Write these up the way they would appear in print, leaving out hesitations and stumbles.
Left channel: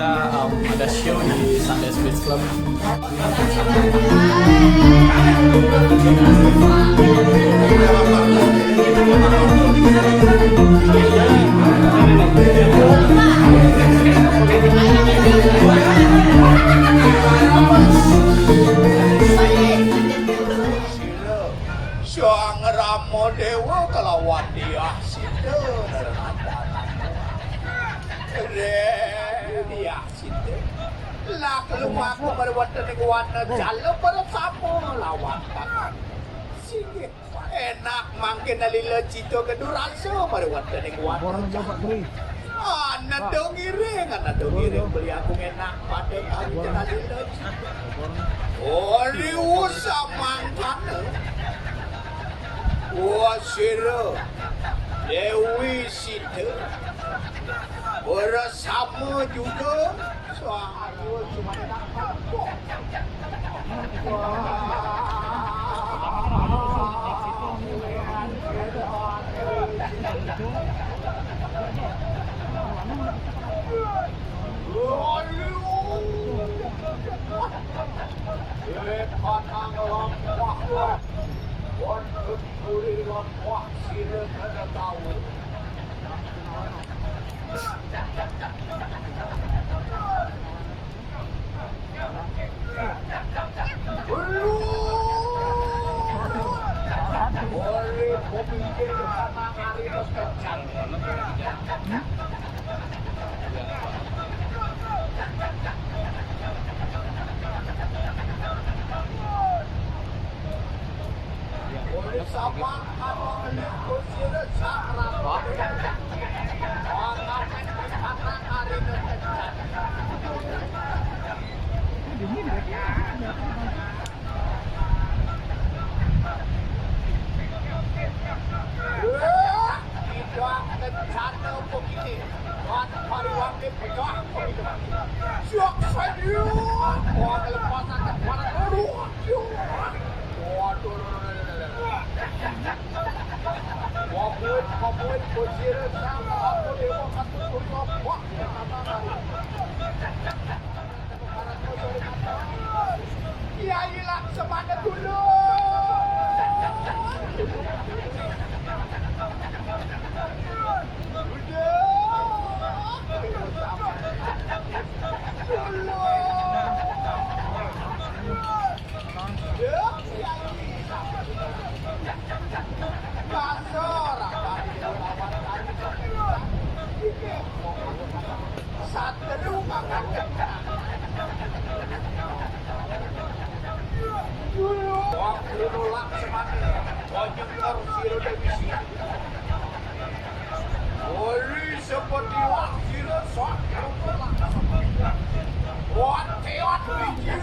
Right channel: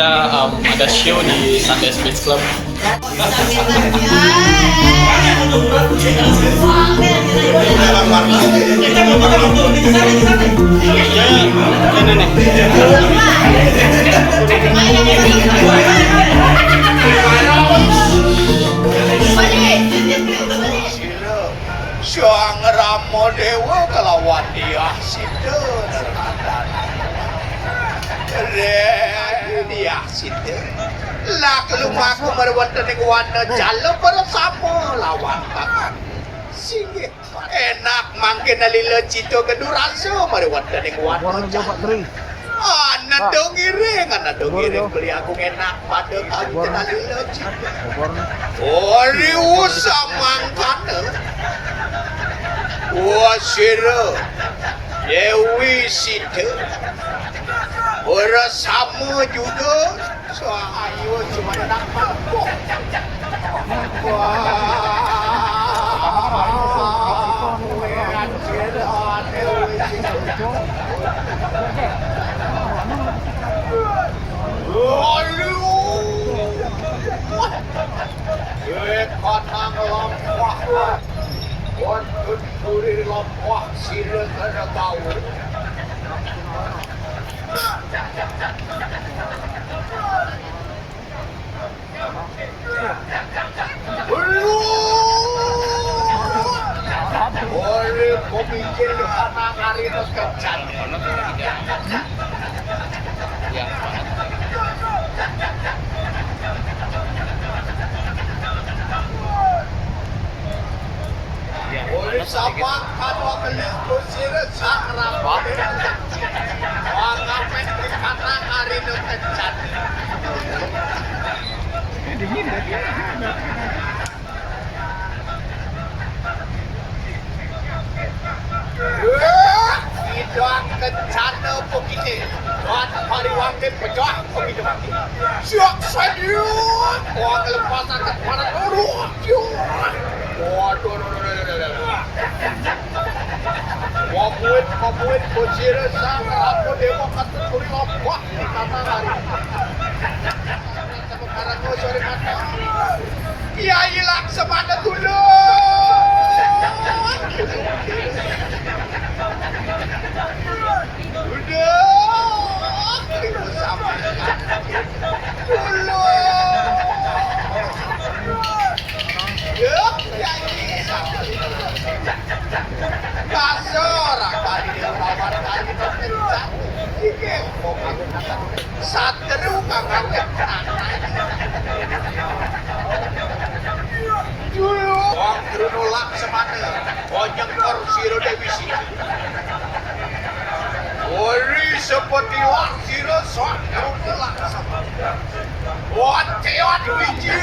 kita ada show di Sunday Speech Club. Syang Ramo Dewa kelawan dia situ nerkadana. Dia situ. Lak lumak merwatan ning wana jalo bersama lawan tangan. Singgih enak mangke nalila cito keduraso merwatan ning wana jalo. Anak dong iring beli aku enak pada kali nalila cito. Ori usah mangkana. Wasira Dewi Sita bersama juga Ayo cuma nak mampu. Untuk suri lompok sila kena tahu. Boleh komikir karena hari itu kecan. Sama kalau kelihatan sirah sakra pada orang pendek karena hari itu kecat. Tidak kecat begini. Buat hari waktu pecah begitu. Siap saja. Orang lepasan ke mana dulu? Waduh. Wabuin bojira sana aku dewa kategori lompok di tanah hari. Sekarang kau sore kata Kiai Laksamana dulu. Udah, itu sama dulu. Ya, Kiai sama. Kasar, kali dia lawan kali terkencang. Sige, satu kakak kencang. Dulu, waktu nolak semana, banyak Siro Dewi Siti. Ori seperti Siro sok nolak semana. Watewan bijil.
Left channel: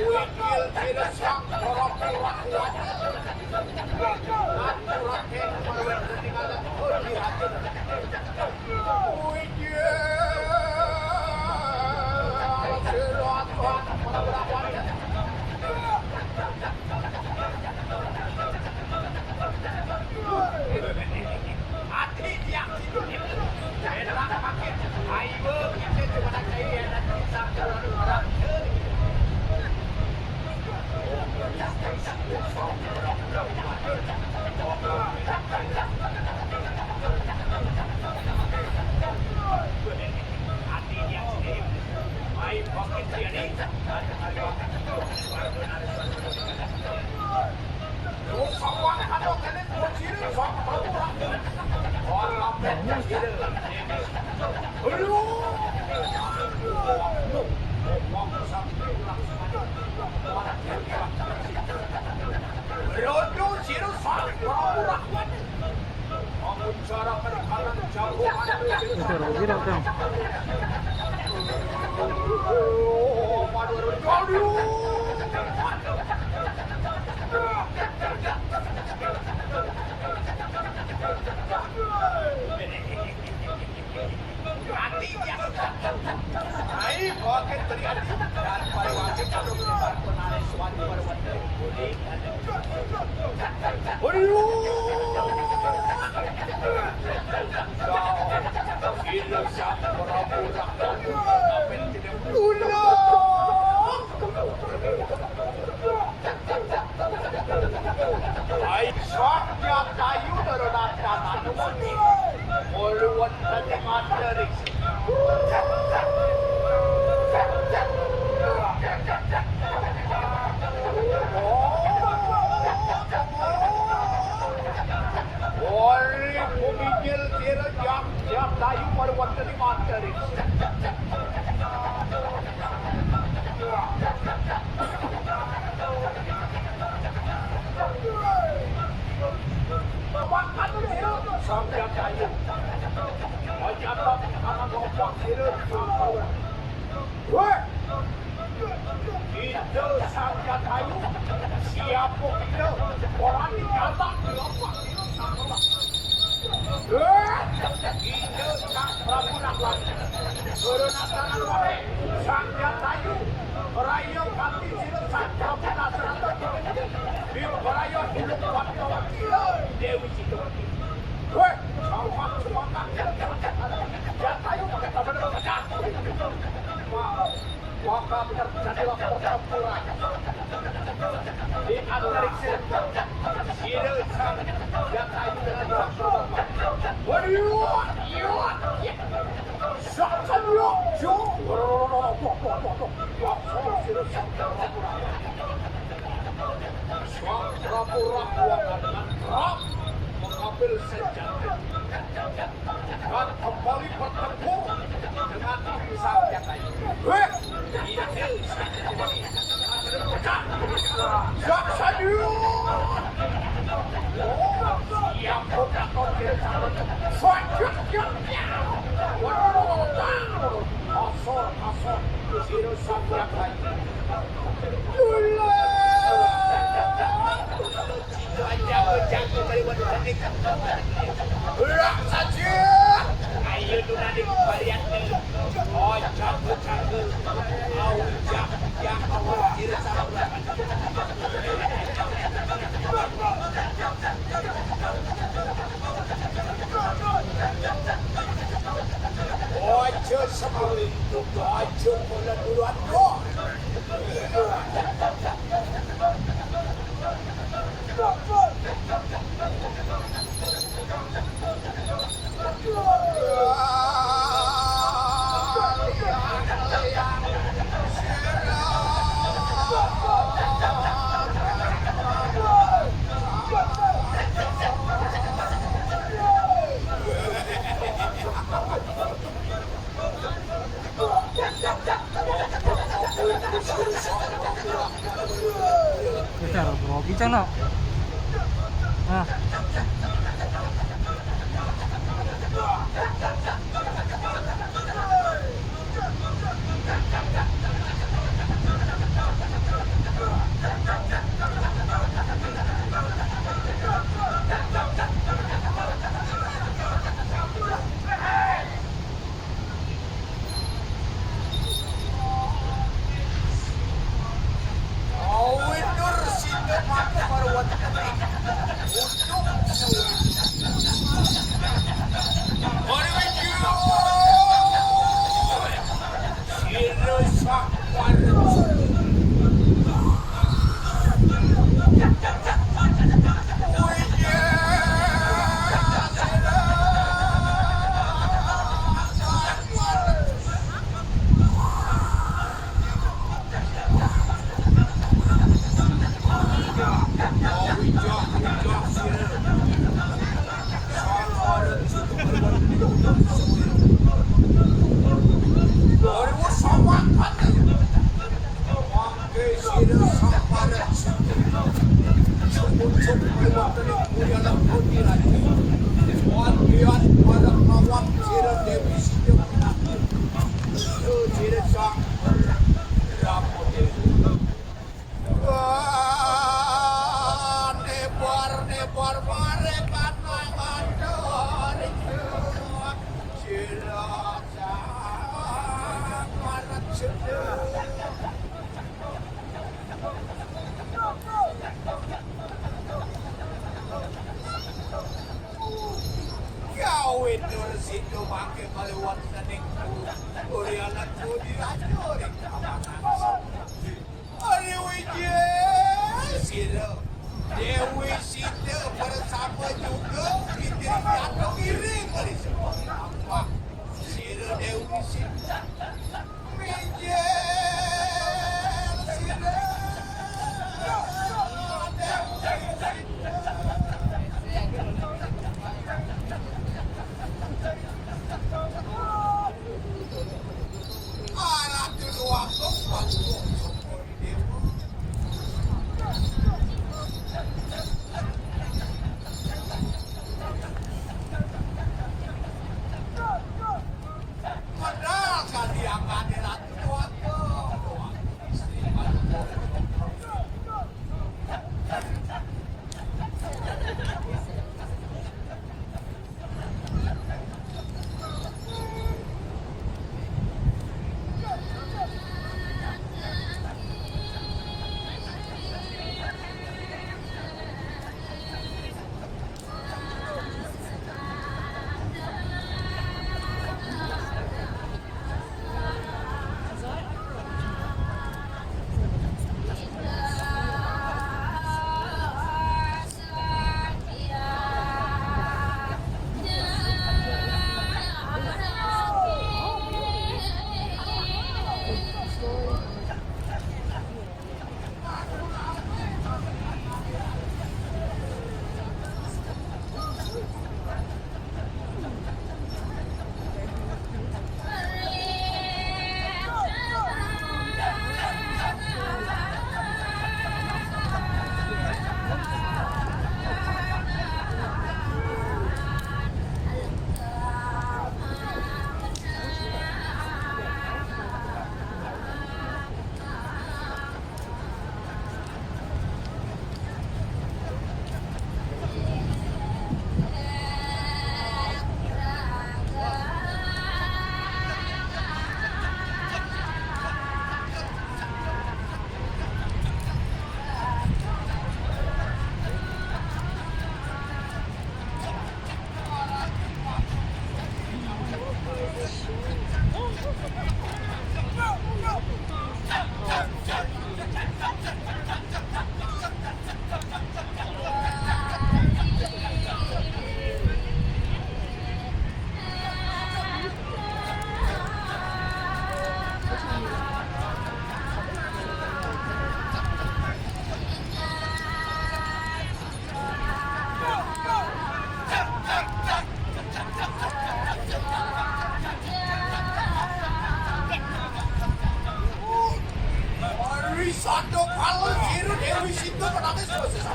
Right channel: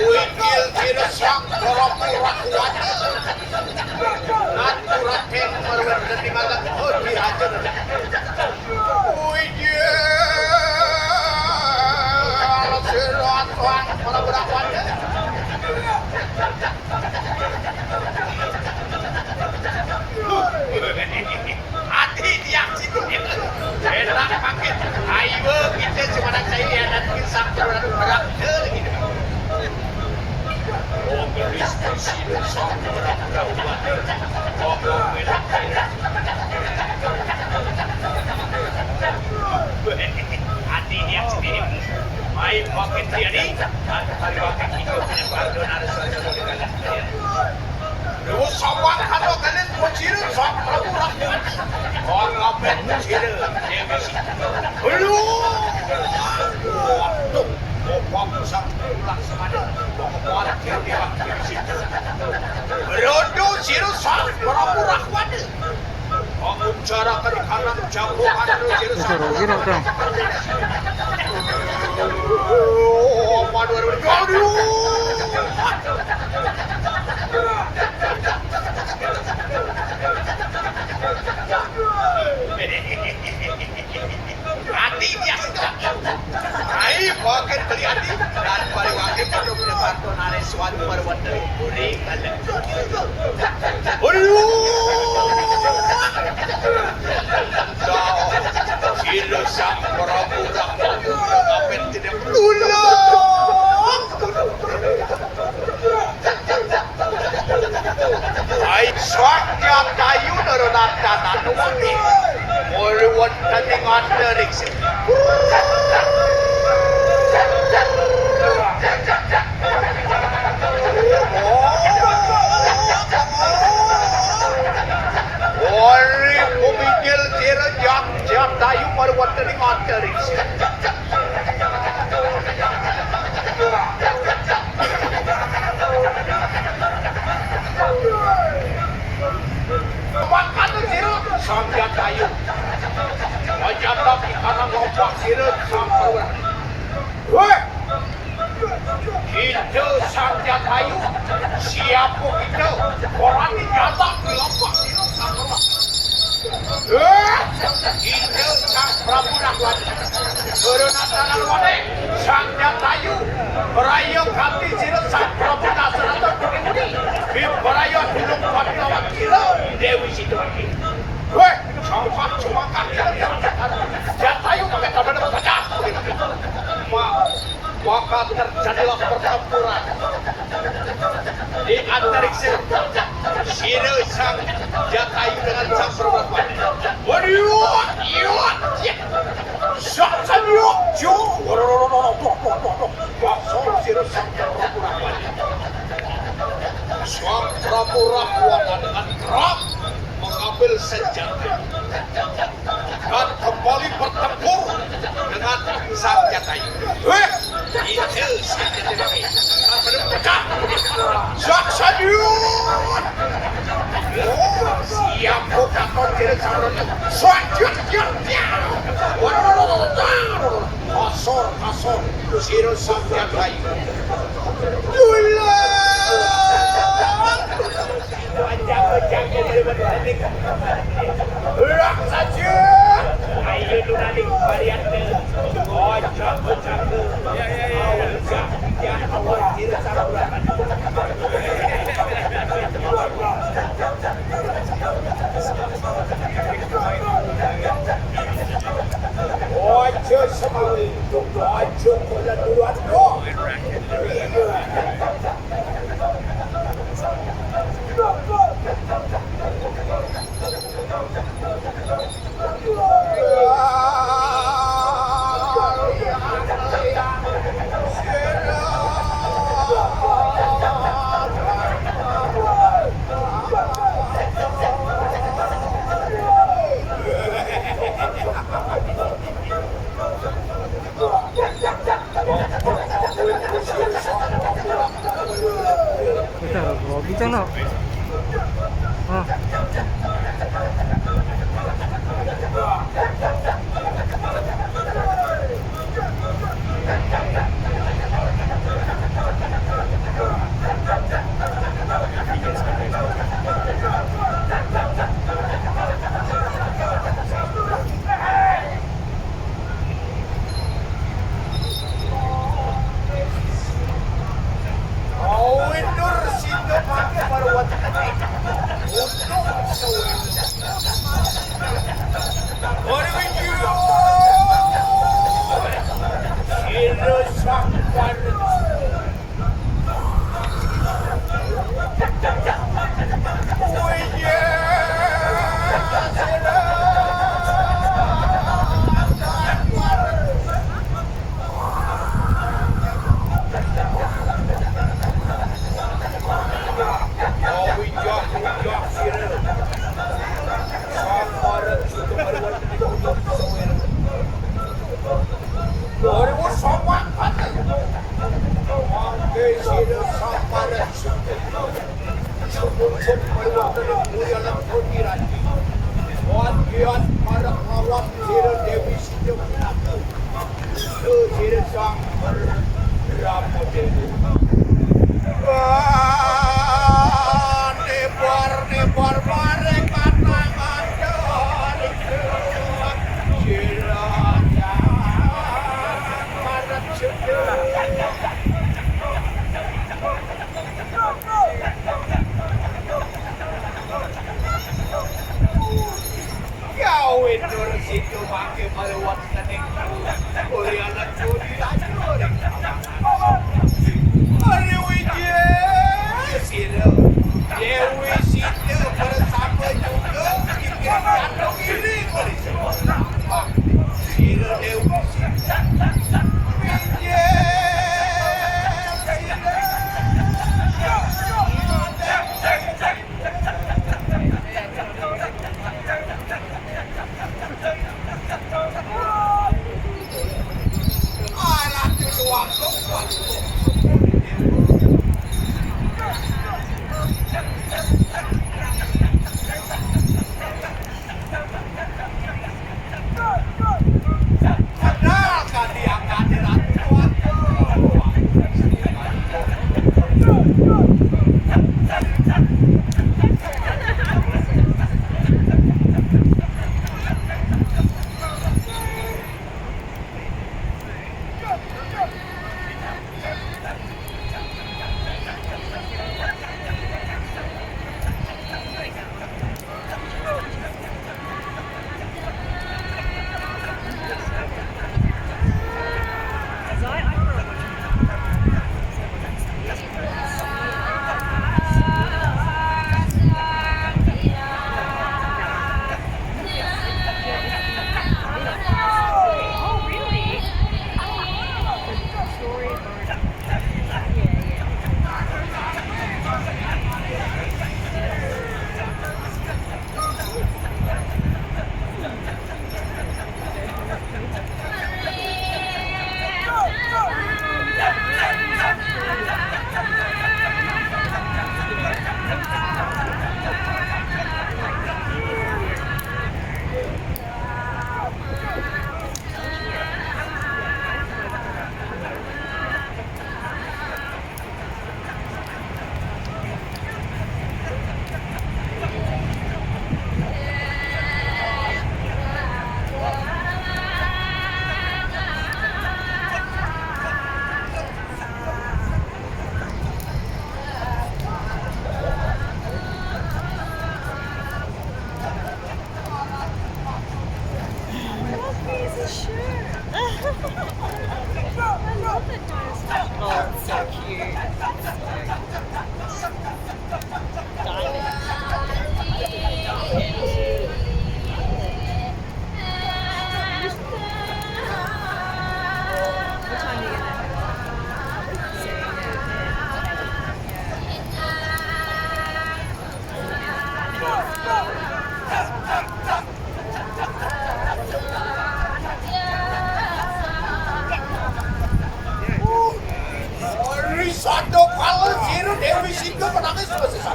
Wikil Siro sok korok kuat. Aturaten merwet di mana oh dihajar. Wikil Siro atuan para berakwannya. Hati dia situ. Enak pakai. Ayo kita cuma nak saya dan kisah berat gitu. Oh, Kristen Siro sok hati dia sendiri main pakai dia ni hari pakai itu baru harus terus sama kalau kalian berciri sok ragu orang apa berciri dia mesti lu waktu sampai pulang semada orang dia waktu situ berodo siru sok pura-pura kuat bangun cara ke kanan jauh kanan siru sok oh madur aduh hati dia ai pocket beli hati dan paling wakil pada mendebar tonare suatu berbuat dari buri kalah aduh Sila sang pura-pura kapit tidak tulong. Ay swakya tayo naronata na tumagi. Muluwan taning underix. Ori pumigil tira jak tayo muluwan taning underix. Makan sirut sangga tayo. Wajablah kita ngomong sirut sangga. Weh, itu sangga tayo. Siapa kita? Orang ini nyata kelompok sirut sangga. Itu sang Prabu Nagwati. Berunatan Nagwati sangga tayo. Berayo kami sirut sang Prabu Nagwati. Berayo hidup kami lawan kilo Dewi Situasi. Weh, sampai cuma kami jatayu pakai tabel baca. Maka terjadilah pertempuran di antariksa Sino sang Jatayu dengan sang Perwatmani. Waduh, iya, sang yuk, Sino sang Perwatmani. Sang Prabu dengan keras mengambil senjata dan kembali bertempur dengan sang Jatayu. Itu senjata ini. Pecah. Saksanyut. Siap bukan kau tidak sabar. Selanjutnya. Kasor. Sino sang Jatayu. Gula. Jangan berbalik. Berak saja. Ayo tunalik varian. Ojo sekali, ojo pada duluan kok. Kita nak. Risado kalau Zero Dewi Sindo menangis selesai.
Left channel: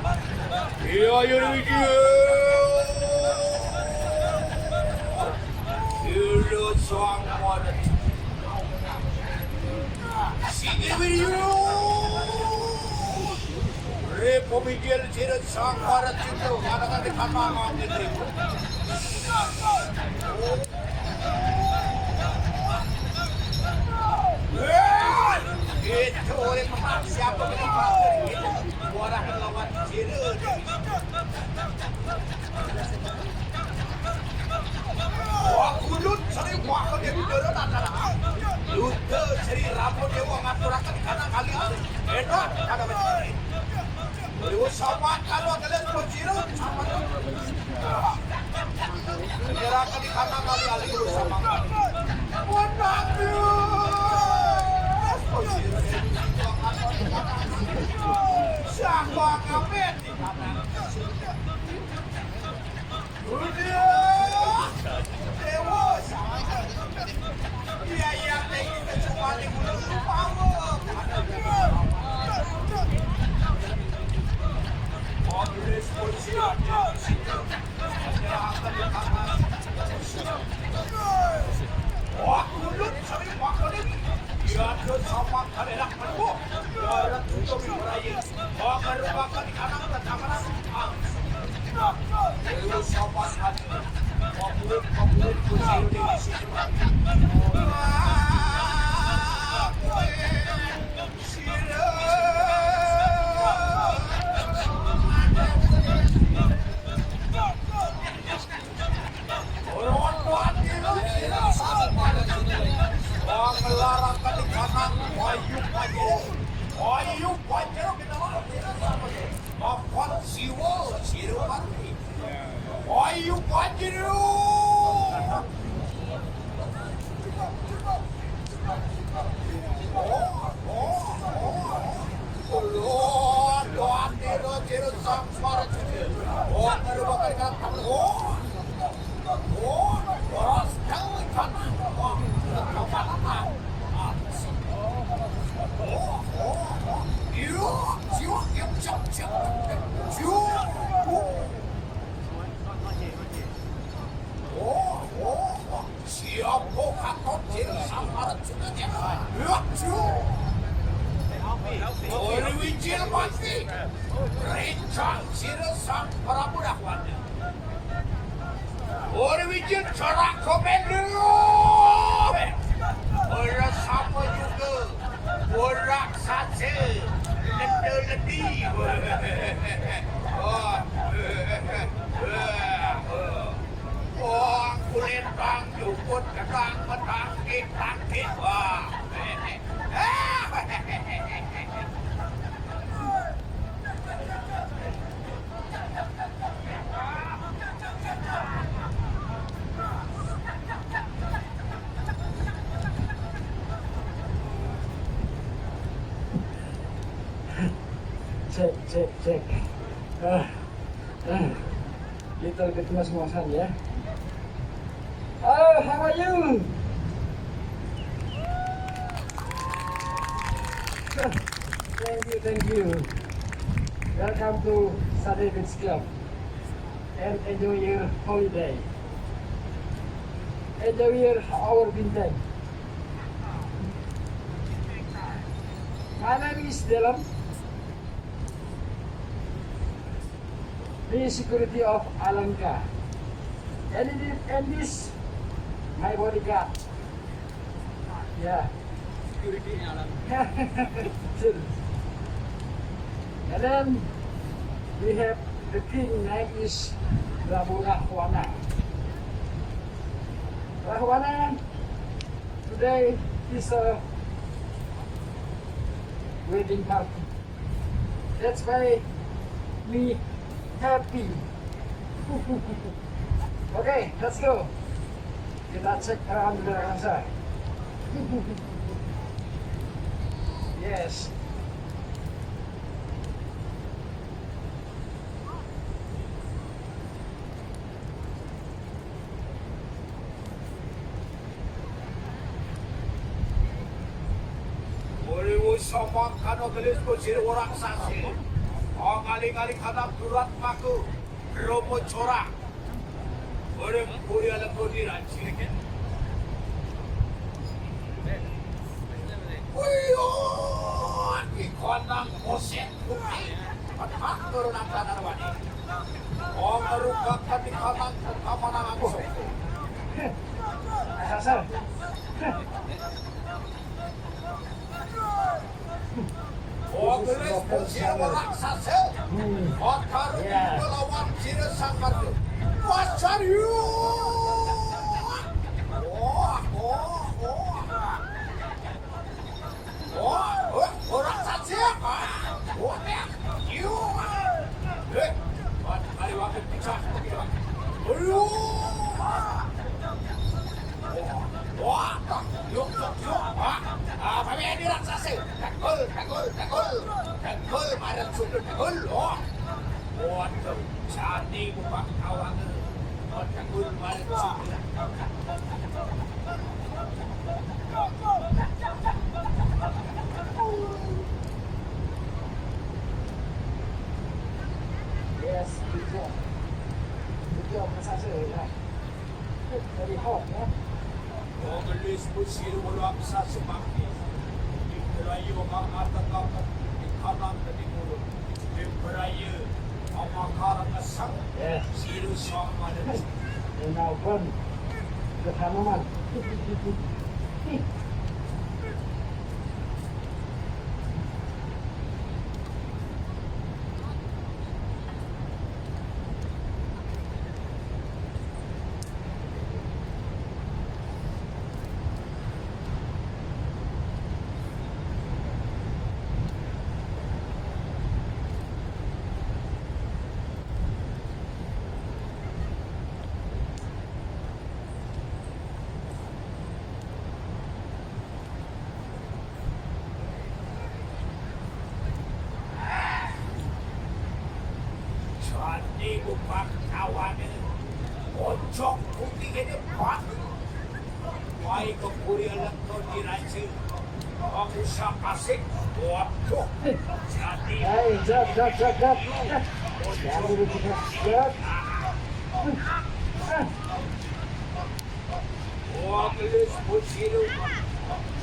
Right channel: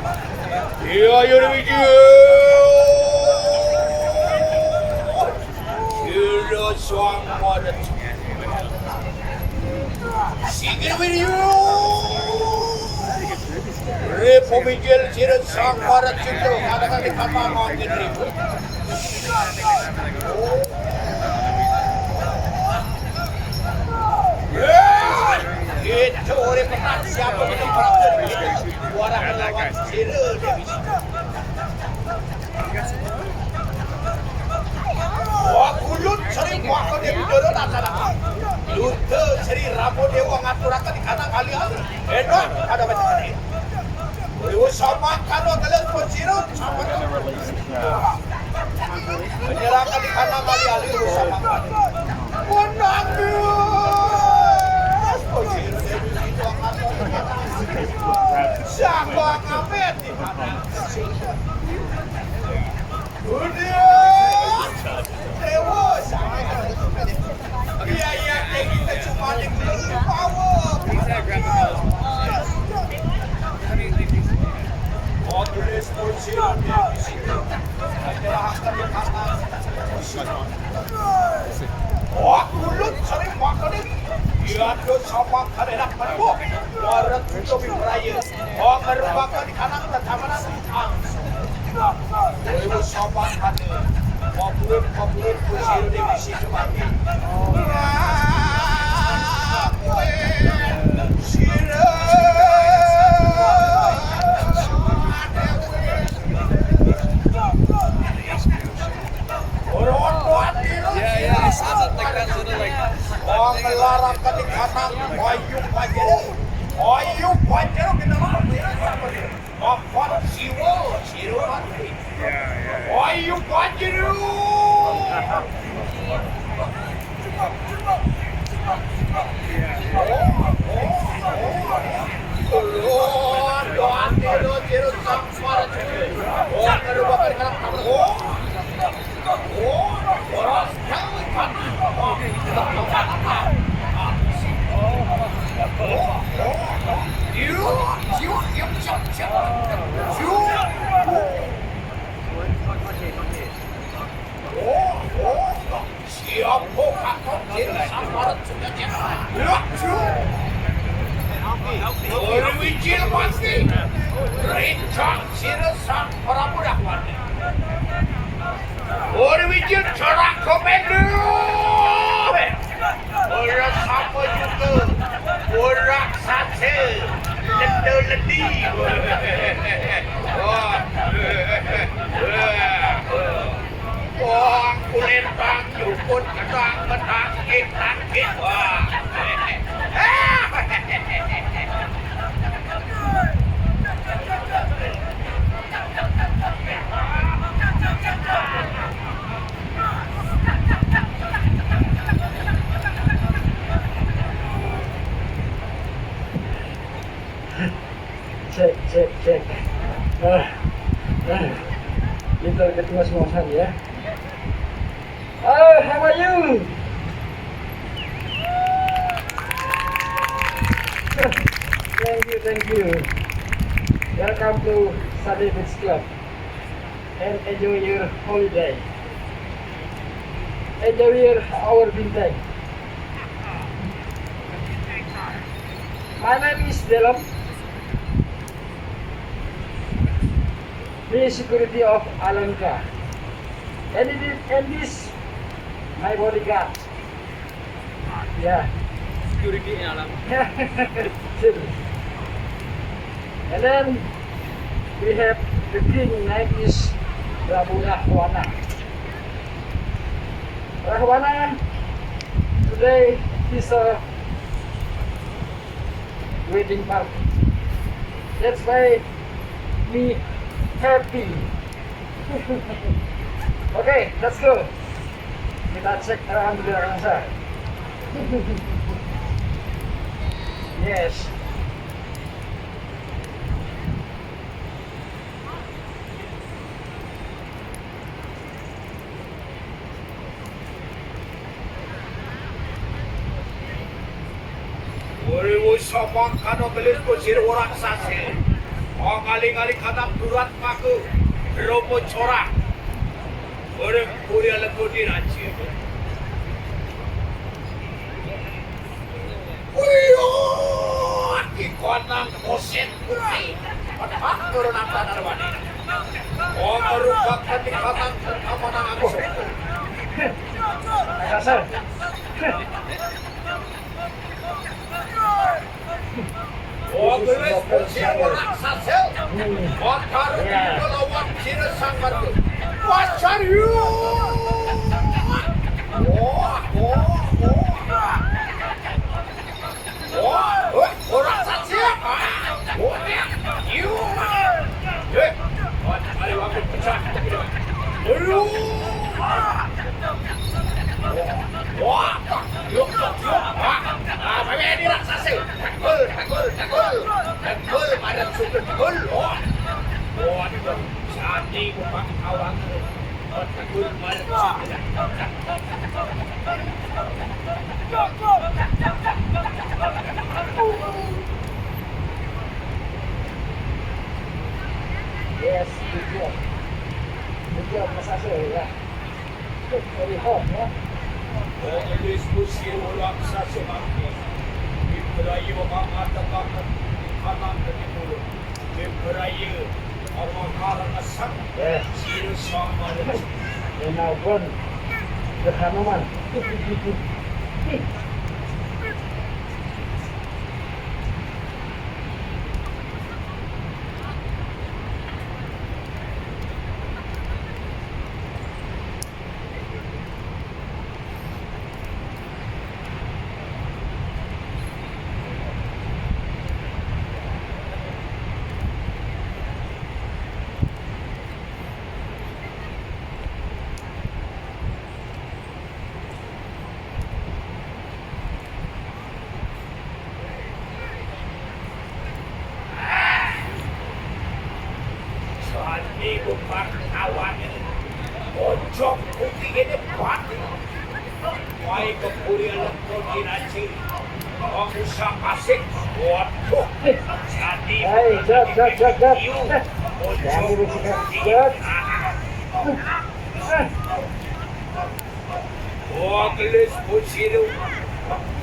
Iya, ayo Dewi Zero Song Water. Sige video. Repo Miguel Zero Song Water Sindo akan dikatakan jadi. Itu orang siapa yang orang lawan Zero Dewi Sindo. Wah, kulut sering waktu dia bicara rasa-rasa. Luta sering ramu dewa ngaturakan di kanan kali ada. Enak ada macam ni. Dewa sama kalau kalian berzero. Menyerahkan di kanan kali ada dewa sama. Menang siapa ngamet di mana? Dewa sama. Biaya kita cuma di power. Kontrol position di situ. Wah, kulut sering makan ini. Dia tuh sama karena perlu. Orang itu beraya. Oh, merupakan di kanan pertama nanti. Dewa sama karena. Kulit position di situ. Cek. Kita ketemu semua ya. How are you? Thank you. Welcome to Sunday Beach Club and enjoy your holiday. Enjoy our bintang. My name is Dylan. The security of Alanka. And this my bodyguard. Yeah. Security in alam. And then we have the king name is Prabu Rahwana. Rahwana today is wedding party. That's why me happy. Okay, let's go. Kita cek alhamdulillah rasa. Yes. Urimu sabang kano gelis kusir orang sase. Oh kali-kali kadang durat paku. Romo corak. Orang kuria lego diraci. Uyo, ikonang koset putih. Pada turun apa narwani. Oh merupakan di kadang pertama nang aku. Rasa. Oh gelis kusir orang sase. Oh karena melawan ciri sangat. Wajar you. Orang saja. You. Ayo aku pecah. Ini raksasa. Takul, madam super takul. Cantik bukan kawan. Takul madam super. Yes, good job. Good job, Mas Asel ya. Very hot ya. Gelis kusir ulang saja mati. Berayu mengatakan di kanan dan di mulut. Berayu karena sang siru sama dan Now gone. The Hanuman. bukan kawan ojo putih ini pati wai kepurian koordinasi pengusaha asik waduh jadi Waklis pusiru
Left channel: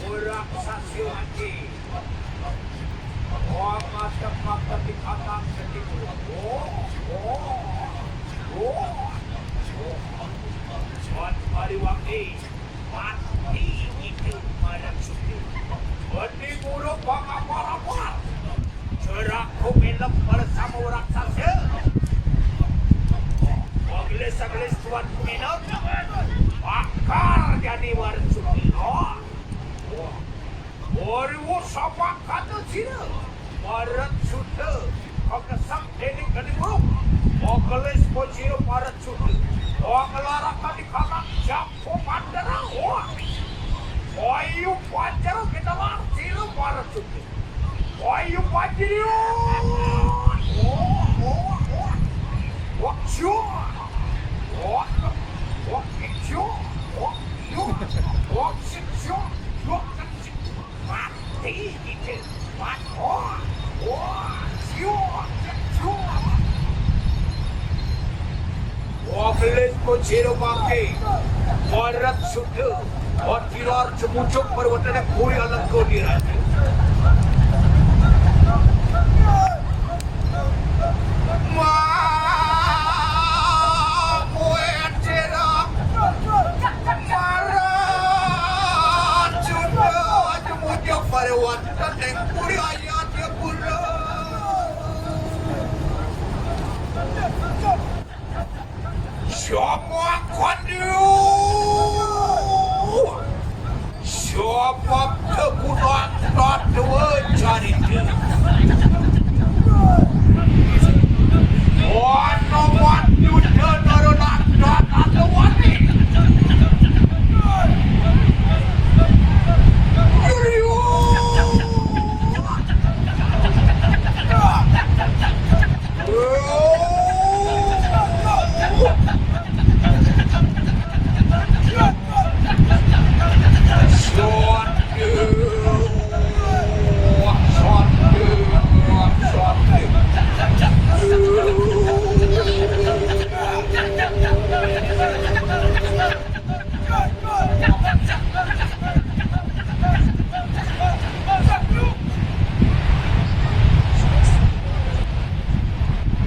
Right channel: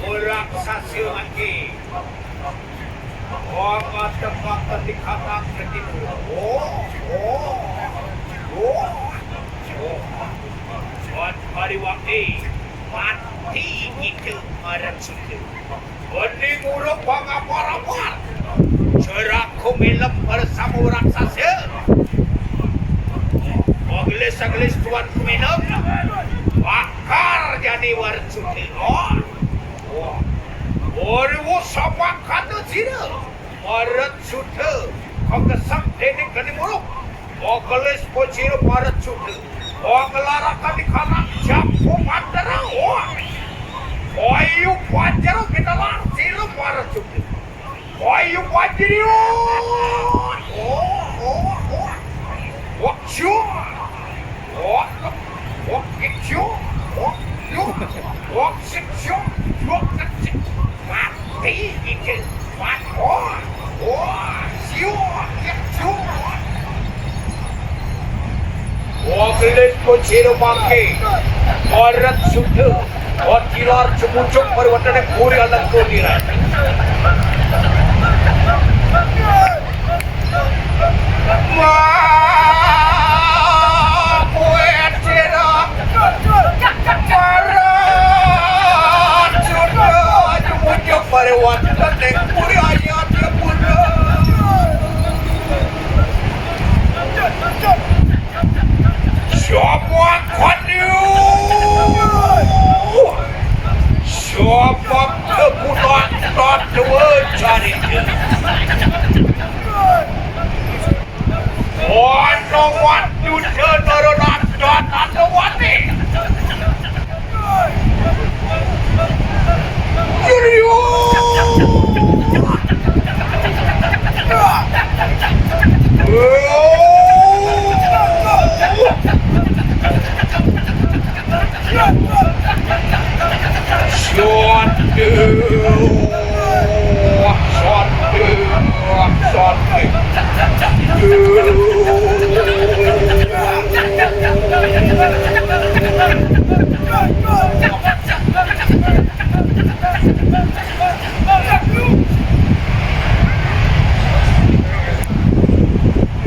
orang sasil lagi tempat di kanan ketipu Suat pariwakti mati itu orang suci Bening uruk pangaparamar Cerak kumilem bersama orang sasil Aglis tuan kumilem Bakar jadi orang suci Oriwo sabak kata zira Marat suci Kegesang denik kani muruk Ogles pociro marat suci Oglarakan di kanan Jampu pandarang Oyu panjaro kita langsir marat suci Oyu panjiro Okcio Okcio Okcio Mati itu Ogles pociro mangke Marat suci Otirar cemucuk perwatan yang puri alam kodiran